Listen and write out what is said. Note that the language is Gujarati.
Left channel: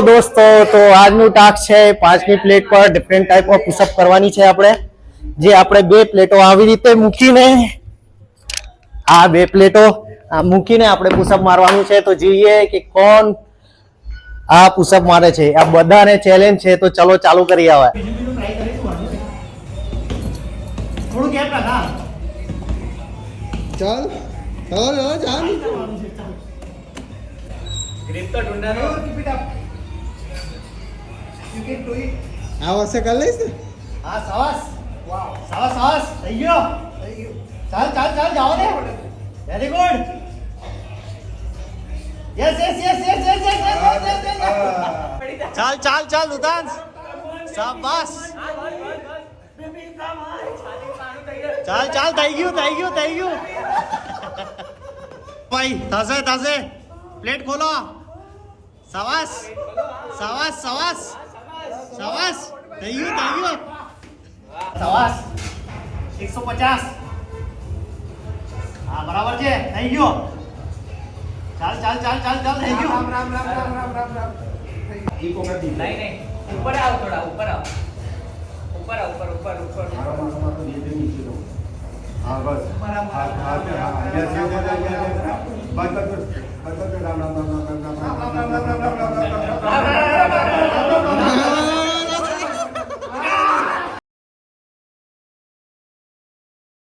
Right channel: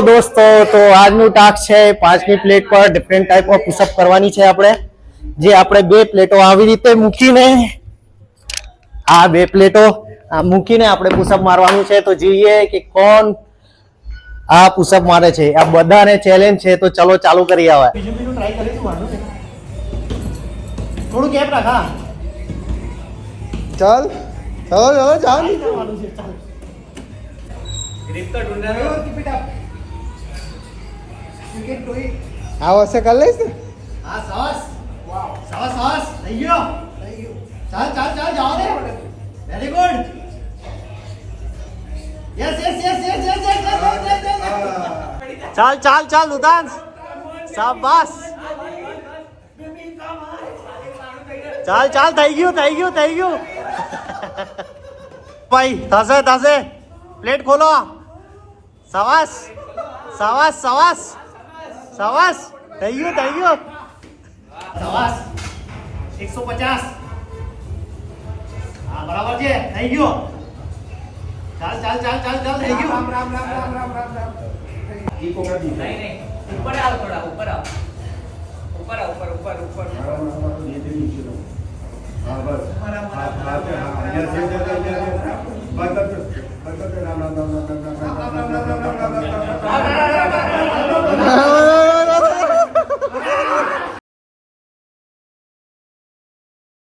દોસ્તો, તો આજનું ટાસ્ક છે 5મી પ્લેટ પર ડિફરન્ટ ટાઈપ ઓફ પુશઅપ કરવાની છે આપણે. જે આપણે 2 પ્લેટો આવી રીતે મૂકીને આ 2 પ્લેટો મૂકીને આપણે પુશઅપ મારવાનું છે. તો જોઈએ કે કોણ આ પુશઅપ મારે છે. આ બધાને ચેલેન્જ છે, તો ચલો ચાલુ કરી આવે. બીજું ટ્રાય કરીશું. વાંધો છે, થોડું ગેપ રાખ. હા ચાલ ચાલો ચાલ ગ્રીપ તો ઢૂંઢા લો. Keep it up, you can do it. આ વસે કરી લઈશ ને. હા, સાવાસ. વાવ, સાવાસ સાવાસ. થઈ ગયો. ચાલ ચાલ ચાલ, જાઓ ને. Very good. Yes yes yes yes yes yes. ચાલ ચાલ ચાલ ઉદાંશ, શાબાશ. ચાલ ચાલ, થઈ ગયું થઈ ગયું થઈ ગયું. ભાઈ થશે થશે. પ્લેટ ખોલો. શાબાશ શાબાશ શાબાશ શાબાશ. થઈ ગયું થઈ ગયું. શાબાશ. 150. હા, બરાબર છે. થઈ ગયો. ચાલ ચાલ ચાલ ચાલ ચાલ, થઈ ગયું. રામ રામ રામ રામ રામ રામ રામ. ઈ કો કરી नहीं नहीं, ऊपर आओ, थोड़ा ऊपर आओ, ऊपर आओ, ऊपर ऊपर ऊपर હા બસ. हमारा હા યસ યસ યસ